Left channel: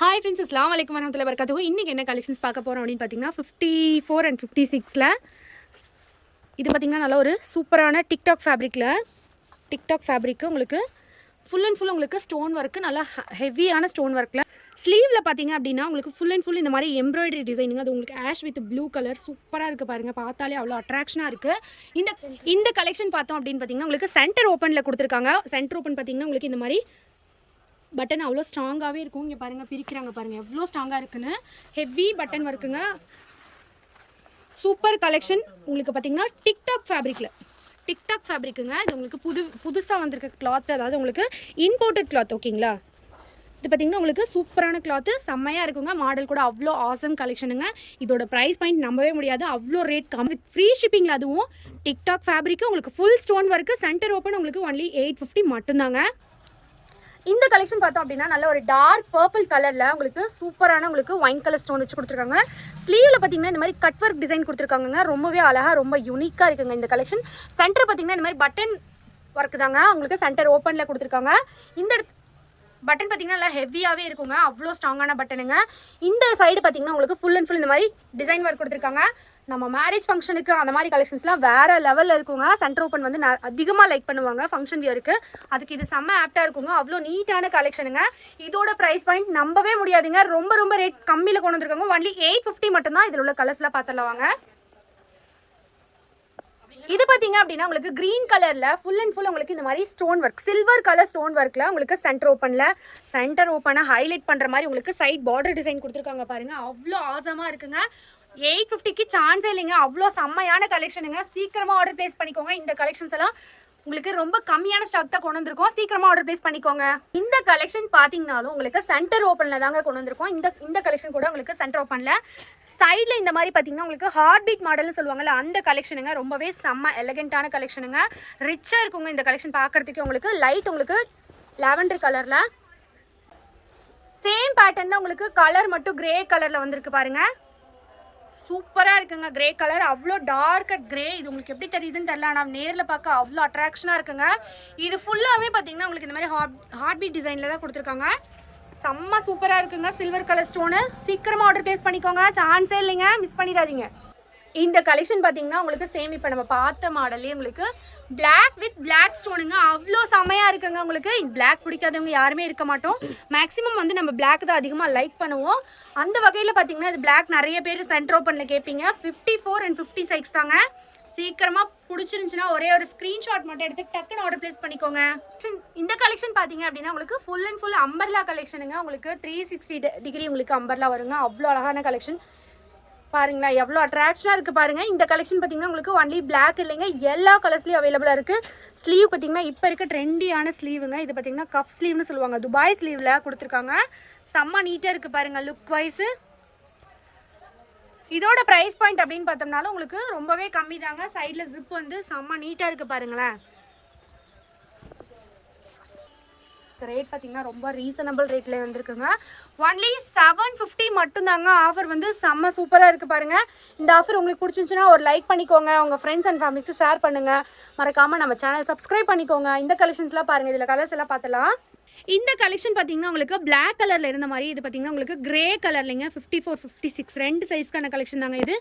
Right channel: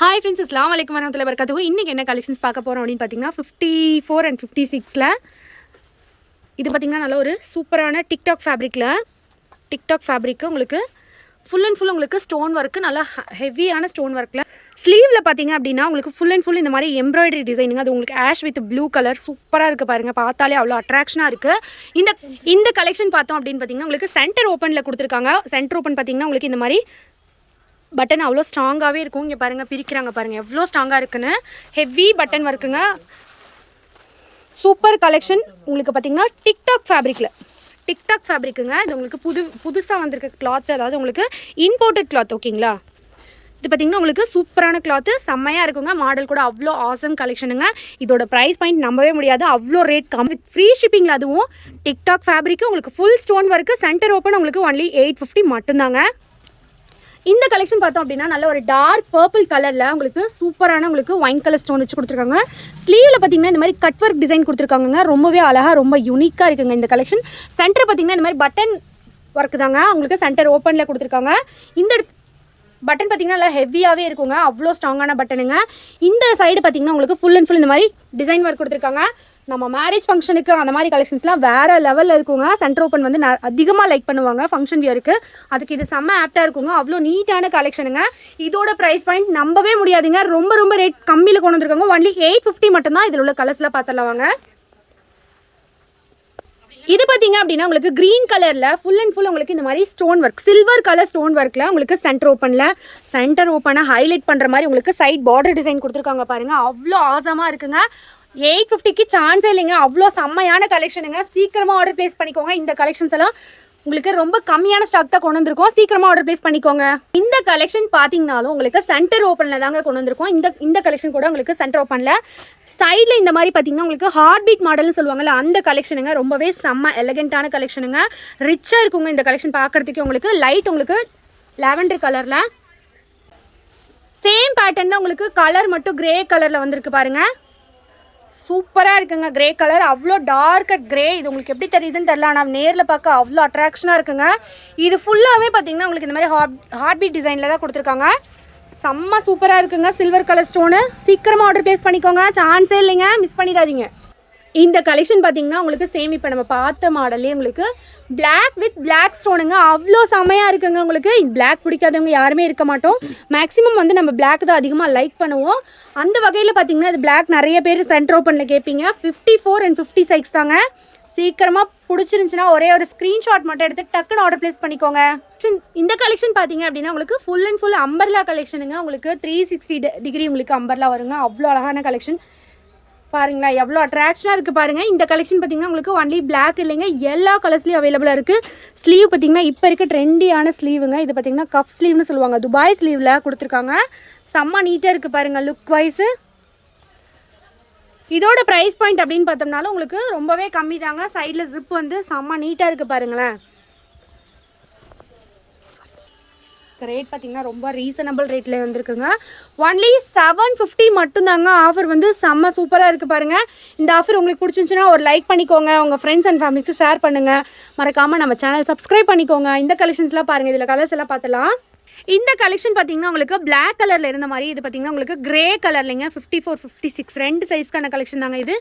Hi friends, அஸ்ஸலாமு அலைக்கும் வரஹ்மத்துல்லாஹி வபரகாத்துஹு. இன்றைக்கி என்ன கலெக்ஷன்ஸ் பார்க்க போகிறோம் அப்படின்னு பார்த்தீங்கன்னா 54 and 56ல் இது பார்த்திங்கன்னா நல்ல ஒரு சூப்பரான டிக்டாக் ஃபேப்ரிக்கு உங்களுக்கு ஃபுல் அண்ட் ஃபுல் உங்களுக்கு ஸ்டோன் ஒர்க்கு நல்லா ஹெவியான ஸ்டோன் ஒர்க்கில் ஸ்லீவில் பார்த்தீங்க அப்படின்னா உங்களுக்கு ஃபுல் அண்ட் ஃபுல் இந்த மாதிரி எம்ப்ராய்டரி டிசைனிங். அது உங்களுக்கு ஆஷ் வித் ப்ளூ கலர் சூப்பராக இருக்குது பாருங்கள். பார்த்தாலே அவ்வளோ அட்ராக்ஷனாக இருக்குது. இந்த கலெக்ஷன் பார்த்தோம் அப்படின்னு பார்த்தீங்கன்னா உங்களுக்கு சென்டர் ஓப்பனில் கொடுத்துருக்காங்க. சென்டர் ஓப்பன் பார்த்தீங்கன்னா உங்களுக்கு இந்த மாதிரி பட்டன் அவ்வளோ ஸ்ட்ராங்காகவே இருக்கும். இங்கே பாருங்கள், பிரிக்கிறாங்க பாருங்கள் எவ்வளோ ஸ்ட்ராங்காக இருக்குன்னு. ஹெவி பட்டன் ஒர்க்குங்க. Super collection. உங்களுக்கு பார்த்தீங்கன்னா டிக்டாக் ஃபேப்ரிக்குங்க. இது உங்களுக்கு புதுசாக வந்திருக்க கிளாத், அதாவது உங்களுக்கு இம்போர்ட்டட் கிளாத். ஓகேங்களா, இது பார்த்திங்கன்னா உங்களுக்கு சூப்பரான கிளாத்து, செம்மையாக இருக்குங்க. மாடல் கூட அவ்வளோ ஆசம் கலெக்ஷனுங்க. இதோட ப்ரைஸ் பாயிண்ட் நம்பவே முடியாது, அவ்வளோ ரேட் கம்மி, ஃப்ரீ ஷிப்பிங்கில். அதுவும் டிக்டாக் ஃபேப்ரிக்கு உங்களுக்கு full stone work, centre open உங்களுக்கு ஒன்லி 850 மட்டும்தாங்க. இந்த கலெக்ஷன் பார்த்தோம் அப்படின்னா நல்ல ஒரு டார்க் பர்பிள் கலரில் உங்களுக்கு சூப்பரான உங்களுக்கு ஒயின் கலர் ஸ்டோன் வச்சு கொடுத்துருக்காங்க. ஸ்லீவில் பார்த்தீங்கன்னா இந்த மாதிரி கட் ஒர்க் டிசைன் கொடுத்துருக்காங்க. ரொம்பவே அழகாக ரொம்ப யூனிக்காக இருக்குங்க இந்த கலெக்ஷன். சென்டர் பார்த்தீங்கன்னா இந்த மாதிரி பட்டன் ஒர்க் தாங்க உங்களுக்கு சென்டர் ஓப்பனில் கொடுத்துருக்காங்க. இந்த பட்டன் பார்த்தீங்கன்னா நல்லா ஹெவியாகவே இருக்குங்க, அவ்வளோ ஸ்ட்ராங்கான பட்டனுங்க. இந்த சைடு பார்த்தீங்கன்னா உங்களுக்கு ஃபுல் அண்ட் ஃபுல் இந்த மாதிரி டிசைன் ஒர்க் கொடுத்துருக்காங்க. நம்ம மேரேஜ் ஃபங்க்ஷனுக்கு அந்த மாதிரி கலெக்ஷன்ஸ்லாம் வேறு லெவலில் இருக்குங்க. சென்டர் ஓப்பன் வந்து அதிகமாக லைக் பண்ணுவாங்க ஃபங்க்ஷன் வியருக்கு. அதுக்கு இது செம்ம ஆப்டாக இருக்குங்க. அவ்வளோ நீட்டான கலெக்ஷனுங்க. இதோட ப்ரைஸ் பாயிண்ட் நம்பவே முடியாதுங்க. ரொம்ப ரேட் கம்மியில் கொண்டு வந்திருக்காங்க. ஒன்லி 850 மட்டும்தான். இதில் உள்ள கலர்ஸ்லாம் பார்த்துலாம் வாங்க. இது பார்த்தீங்க அப்படின்னா உங்களுக்கு க்ரீன் கலரில் ஃபுல் அண்ட் ஃபுல் உங்களுக்கு இந்த மாதிரி stone work, silver colour stone ஒர்க்கில் உங்களுக்கு சென்டர் ஓப்பனை ஹைலைட் பண்ணுற மாதிரி உங்களுக்கு சைட் பார்டர் டிசைன் கொடுத்துருக்காங்க பாருங்கள். அவ்வளோ ஆசமாக இருக்குங்க. 850க்கு சான்ஸே இல்லைங்க. அவ்வளோ செம்மையான கலெக்ஷனுங்க. சீக்கிரமாக ஆர்டர் ப்ளேஸ் பண்ணிக்கோங்க. இந்த கலெக்ஷன்ஸ் எல்லாம் உங்களுக்கு ரொம்ப கம்மியான ஸ்டாக் தான் கொண்டு வந்திருக்கோம். சீக்கிரமாக ஆர்டர் ப்ளேஸ் பண்ணிக்கோங்க. இந்த கலெக்ஷன் பார்த்தீங்கனாலும் உங்களுக்கு சென்டர் ஓப்பனில் தாங்க கொண்டு வந்திருக்கோம். இந்த கலெக்ஷன் கூட உங்களுக்கு சென்டர் ஓப்பனில் சைடில் இந்த மாதிரி பார்த்தீங்கன்னா உங்களுக்கு ஹார்ட் பீட் மாடல்னு சொல்லுவாங்கல்ல, அந்த கலெக்ஷனுங்க. ரொம்பவே செம்ம எலகென்ட்டான கலெக்ஷனுங்க. ரிச்சாக இருக்குங்க இந்த கலெக்ஷன் பார்க்குறதுக்கு. உங்களுக்கு லைட் உங்களுக்கு லாவெண்டர் கலரில் சேம் பேட்டர்னில் உங்களுக்கு கலர் மட்டும் கிரே கலரில் வந்திருக்கு பாருங்கள். சூப்பராக இருக்குங்க. கிரே கலர் அவ்வளோ டார்க்கர் கிரே. இது உங்களுக்கு எப்படி தெரியுதுன்னு தெரியல, ஆனால் நேரில் பார்க்க அவ்வளோ அட்ராக்ஷனாக இருக்குங்க. இது ஃபுல்லாகவே பார்த்தீங்கன்னா உங்களுக்கு இந்த மாதிரி ஹார்ட் பீட் டிசைனில் தான் கொடுத்துருக்காங்க. செம்ம சூப்பராக இருக்குங்க. Silver colour stone. சீக்கிரமாக ஆர்டர் ப்ளேஸ் பண்ணிக்கோங்க, சான்ஸே இல்லைங்க, மிஸ் பண்ணிடாதீங்க. இந்த கலெக்ஷன் பார்த்தீங்கன்னா உங்களுக்கு சேம் இப்போ நம்ம பார்த்த மாடல்லே உங்களுக்கு பிளாக் வித் பிளாக் ஸ்டோனுங்க. அவ்வளோ செமையாக இருக்குங்க. உங்களுக்கு பிளாக் பிடிக்காதவங்க யாருமே இருக்க மாட்டோம். மேக்ஸிமம் வந்து நம்ம பிளாக் தான் அதிகமாக லைக் பண்ணுவோம். அந்த வகையில் பார்த்தீங்கன்னா இது பிளாக் நிறைய பேர் சென்டர் ஓப்பனில் கேட்பீங்க. 54 and 50 சைஸ் தாங்க. சீக்கிரமாக பிடிச்சிருந்துச்சுன்னா ஒரே ஒரு ஸ்க்ரீன்ஷாட் மட்டும் எடுத்து டக்குன்னு ஆர்டர் ப்ளேஸ் பண்ணிக்கோங்க. இந்த கலெக்ஷன் பார்த்தீங்க அப்படின்னா உங்களுக்கு ஃபுல் அண்ட் ஃபுல் அம்பர்லா கலெக்ஷனுங்க. உங்களுக்கு 360 டிகிரி உங்களுக்கு அம்பர்லா வருங்க. அவ்வளோ அழகான கலெக்ஷன் பாருங்களா, எவ்வளோ அட்ராக்ஷனாக இருக்குது பாருங்கள். இந்த கலெக்ஷன் பார்த்தீங்கன்னா உங்களுக்கு ஒன்லி பிளாக் இல்லைங்க, எல்லா கலர்ஸ்லையும் அவைலபிளாக இருக்குது. ஸ்லீவ் பார்த்தீங்கன்னா இப்போ இருக்க ட்ரெண்டியான ஸ்லீவுங்க. இது பார்த்தீங்கன்னா கப் ஸ்லீவ்னு சொல்லுவாங்க. துபாய் ஸ்லீவில் கொடுத்துருக்காங்க. செம்ம நீட்டாக இருக்குது பாருங்கள் லுக் வைஸு. இதோட ப்ரைஸ் பாயிண்ட் அப்படின்னு பார்த்தோம்னாலும் உங்களுக்கு ரொம்பவே கம்மி தாங்க. சைடில் ஜிப் வந்து செம்ம நீட்டாக இருக்குது பாருங்களேன். ரேட் பார்த்தீங்கன்னா ரொம்ப ரீசனபிள் ரேட்டில் வந்துருக்குங்க. ஒன்லி 750 மட்டும்தாங்க. ஆஃபர் வந்து செம்ம சூப்பராக இருக்குது பாருங்கள். இந்த ஆஃபர் உங்களுக்கு பிடிச்சிருந்துச்சுன்னா ஒரு லைக் பண்ணிக்கோங்க, உங்கள் ஃப்ரெண்ட்ஸ் அண்ட் ஃபேமிலிக்கு ஷேர் பண்ணுங்கள். மறக்காமல் நம்ம சேனல் சப்ஸ்கிரைப் பண்ணிக்கோங்க. இந்த கலெக்ஷன்ஸ்லாம் பாருங்கள், இதில் கலர்ஸ் எல்லாம் பார்த்துலாம். இந்த கலெக்ஷன் பார்த்தீங்கன்னா உங்களுக்கு பிளாக் கலரில் இருந்த மாதிரி, இது பார்த்தீங்கன்னா உங்களுக்கு கிரே கலர்லைங்க. 54, 56 ரெண்டு சைஸ்க்கான கலெக்ஷன் தாங்க இது.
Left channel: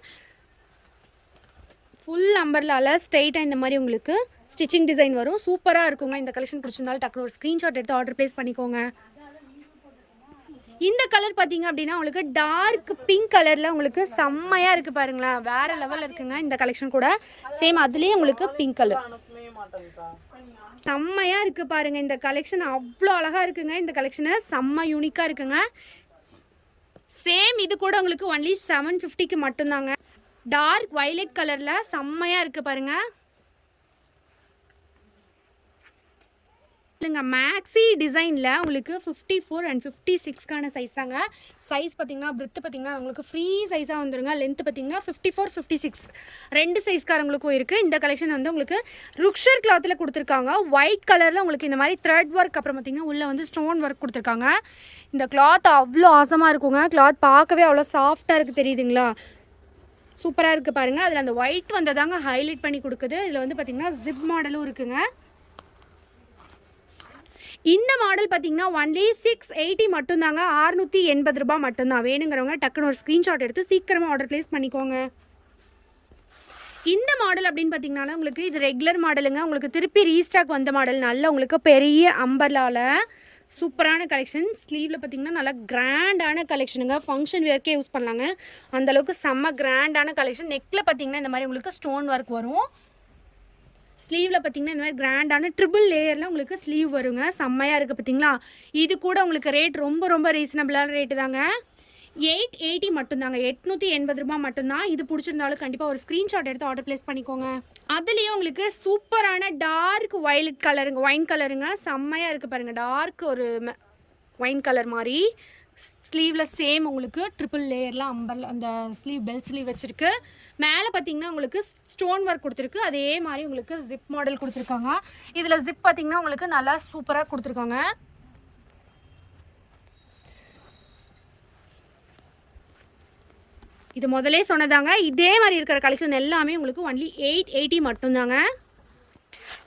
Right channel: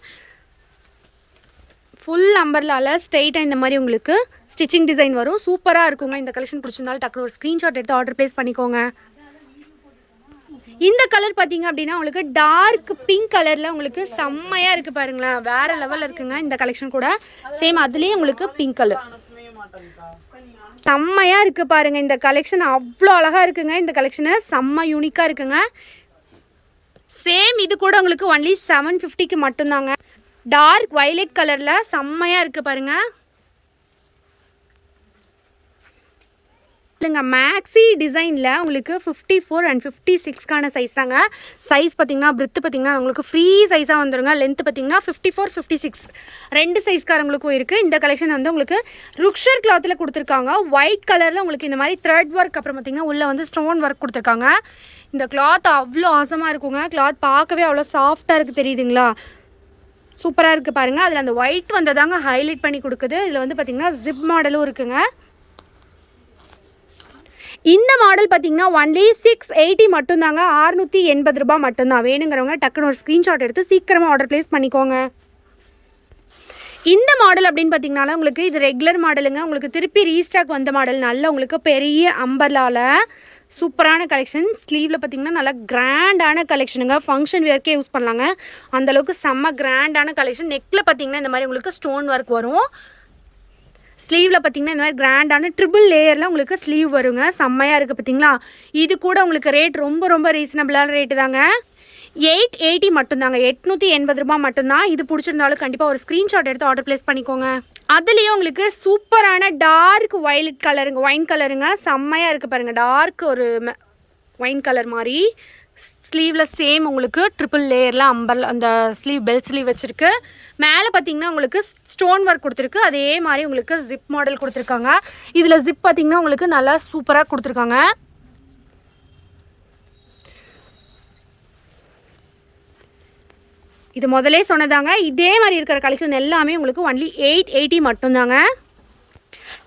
ஃபுல் அம்பர்லாவில் ஸ்ட்ரெயிட்டாக இந்த மாதிரி உங்களுக்கு ஸ்டிச்சிங் டிசைன் வரும். சூப்பராக இருக்குங்க. இந்த கலெக்ஷன் பிடிச்சிருந்தாலும் டக்குனு ஒரு ஸ்க்ரீன்ஷாட் எடுத்து ஆர்டர் ப்ளேஸ் பண்ணிக்கோங்க. இந்த கலர் பார்த்தீங்க அப்படின்னா உங்களுக்கு டார்க் பிங்க் கலரில் உங்களுக்கு செம்மையாக இருக்குது பாருங்களேன். வேறு லெவலில் இருக்குங்க இந்த கலெக்ஷன் கூட. சேம் அதுலேயே உங்களுக்கு பிங்க் கலர் செம்மையாக இருக்குது பாருங்கள். இந்த கலெக்ஷன் அவ்வளோ அழகாக இருக்குங்க. இந்த கலெக்ஷனை செம்ம யூனிக்காக இருக்குங்க. சேம் இது கூட உங்களுக்கு ஒன்லி 750க்கு மட்டும்தாங்க. டார்க் வயலட் கலரில் செம்மையாக இருக்குது பாருங்கள். இல்லைங்க, மேக்ஸி டிசைனில் உங்களுக்கு 54 and 56க்கான சைஸ் தாங்க. சைஸ் பார்த்திங்கன்னா பிரெத்து பார்த்திங்கன்னா உங்களுக்கு ஃப்ரீ சைஸாக வந்துடுங்க. லென்த்து பார்த்திங்கன்னா 54, 56 ரெண்டு சைஸ்காரங்களுக்கும் இருக்குது. இந்த கலெக்ஷன் வந்து உங்களுக்கு ருக்ஷர் கிளாத்தில் கொடுத்துருக்காங்க. ஒயிட் கலரில் உங்களுக்கு இந்த மாதிரி த்ரெட் ஒர்க், அப்புறம் பார்த்திங்கன்னா உள்ளே வந்து ஸ்டோன் ஒர்க் கொடுத்துருக்காங்க. இந்த கிளாத் அவ்வளோ ஆசமாக இருக்குங்க. கிளாத் பார்க்கவே அவ்வளோ சாஃப்டாக இருக்குது, தெரியுதுங்களா? சூப்பராக இருக்குது பாருங்கள். அதில் அந்த ஒயிட் வந்ததாங்க ஹைலைட் பண்ணி கொடுக்குது. இதில் வந்து பார்த்திங்கன்னா ஜிப் மாடலும் இருக்குங்க. இந்த மாடல் பார்த்தீங்கன்னா ஒன்லி 680 மட்டும்தாங்க, 680 ரூபா மட்டும்தான். வேணுங்கிறவங்க டக்குன்னு ஒரு ஸ்க்ரீன்ஷாட் எடுத்து சீக்கிரமாக ஆர்டர் ப்ளேஸ் பண்ணிக்கோங்க. இந்த மாடல் அப்படின்னு பார்த்தீங்கன்னா உங்களுக்கு இது ரெகுலர் மாடலுங்க. உங்களுக்கு திருப்பி ரீஸ்டாக் வந்த மாடல். நல்ல உங்களுக்கு பெரிய அம்பர்லாவில் சூப்பரான கலெக்ஷன். ஸ்லீவில் பார்த்தீங்கன்னா நல்லா கிராண்டான கலெக்ஷனுங்க. ஃபங்க்ஷன் வேர்க்கே யூஸ் பண்ணலாங்க, அந்தளவுக்கு செம்ம கிராண்டான கலெக்ஷன். நெக்கில் பார்த்தீங்கன்னா இந்த மாதிரி உங்களுக்கு ஸ்டோன் ஒர்க் வரும். ஸ்லீவில் பார்த்தீங்கன்னா இந்த மாதிரி கிராண்டான ட்ரிபிள் லேயரில் உங்களுக்கு ஸ்லீவ் வருங்க. செம்மையாக இருக்குது பார்த்தீங்களா. இது கூட உங்களுக்கு ரேட் ரொம்ப ரொம்ப ரீசனபிளான ரேட்டு தாங்க. 880 மட்டும்தாங்க, 880 ரூபா மட்டும்தான். இது பிடிச்சிருந்தாலும் கண்டிப்பாக ஒரு ஸ்க்ரீன்ஷாட் எடுத்து ஆர்டர் ப்ளேஸ் பண்ணிக்கோங்க. அதுலேயும் உங்களுக்கு சூப்பரான டார்க் வயலட் கலருங்க, ஒயின் கலருங்க. செம்மையாக இருக்குது பாருங்கள். டார்க் ஒரு ஒயின் கலர் மாதிரி ஸ்லீவில் சேம் உங்களுக்கு ட்ரிபிள் லேயரில் அந்த ஸ்லீவ் பெல்ட் ஸ்லீவ் வச்சுருக்கு. மேலே பார்த்தீங்கன்னா உங்களுக்கு ஸ்டோன் ஒர்க் கொடுத்துருக்கு. அதே மாதிரி உங்களுக்கு ஜிப் மாடல் கொடுத்துருக்காங்க. இதில் ஜிப் பார்த்தீங்கன்னா உங்களுக்கு நல்லா சூப்பராக கொடுத்துருக்காங்க. இது முதலே சொன்னதாங்க. இதே மாதிரி இருக்கிற கலெக்ஷன் எல்லாமே உங்களுக்கு ஒன்லி 880 மட்டும்தாங்க.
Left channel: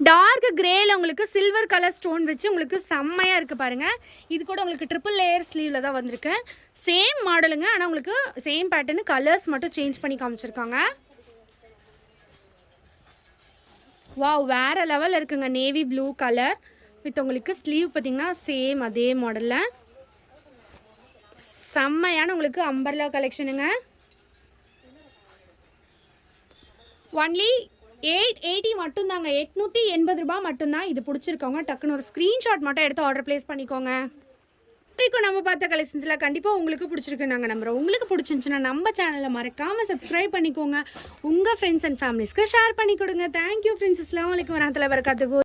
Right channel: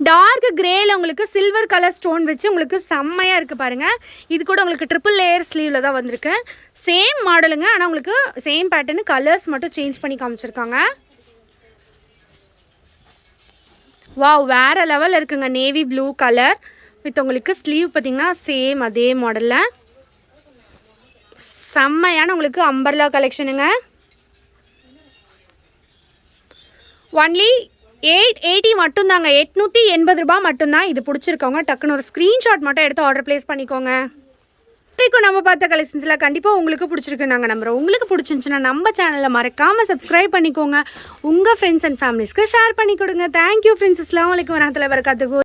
டார்க் கிரேயில் உங்களுக்கு சில்வர் கலர் ஸ்டோன் வச்சு உங்களுக்கு செம்மையாக இருக்குது பாருங்கள். இது கூட உங்களுக்கு ட்ரிபிள் லேயர் ஸ்லீவில் தான் வந்திருக்கு. சேம் மாடலுங்க, ஆனால் உங்களுக்கு சேம் பேட்டர்னு கலர்ஸ் மட்டும் சேஞ்ச் பண்ணி காமிச்சிருக்காங்க. வாவ், வேறு லெவலில் இருக்குங்க. நேவி ப்ளூ கலர் வித் உங்களுக்கு ஸ்லீவ் பார்த்திங்கன்னா சேம் அதே மாடலில் செம்மையான உங்களுக்கு அம்பர்லா கலெக்ஷனுங்க. ஒன்லி 880 மட்டும்தாங்க, 880 ரூபா மட்டும்தான். இது பிடிச்சிருக்கவங்க டக்குன்னு ஒரு ஸ்க்ரீன்ஷாட் மட்டும் எடுத்து ஆர்டர் ப்ளேஸ் பண்ணிக்கோங்க. இப்போ நம்ம பார்த்த கலெக்ஷன்ஸில் கண்டிப்பாக உங்களுக்கு பிடிச்சிருக்கு நாங்கள் நம்புகிறோம். உங்களுக்கு பிடிச்சிருந்துச்சுன்னா நம்ம சேனலில் மறக்காமல் சப்ஸ்கிரைப் பண்ணிக்கோங்க. உங்கள் ஃப்ரெண்ட்ஸ் அண்ட் ஃபேமிலிஸ்க்கு ஷேர் பண்ணி கொடுங்க. Thank you friends. அஸ்ஸலாமு அலைக்கும் வரஹ்மத்துல்லாஹி வபரகாத்துஹு.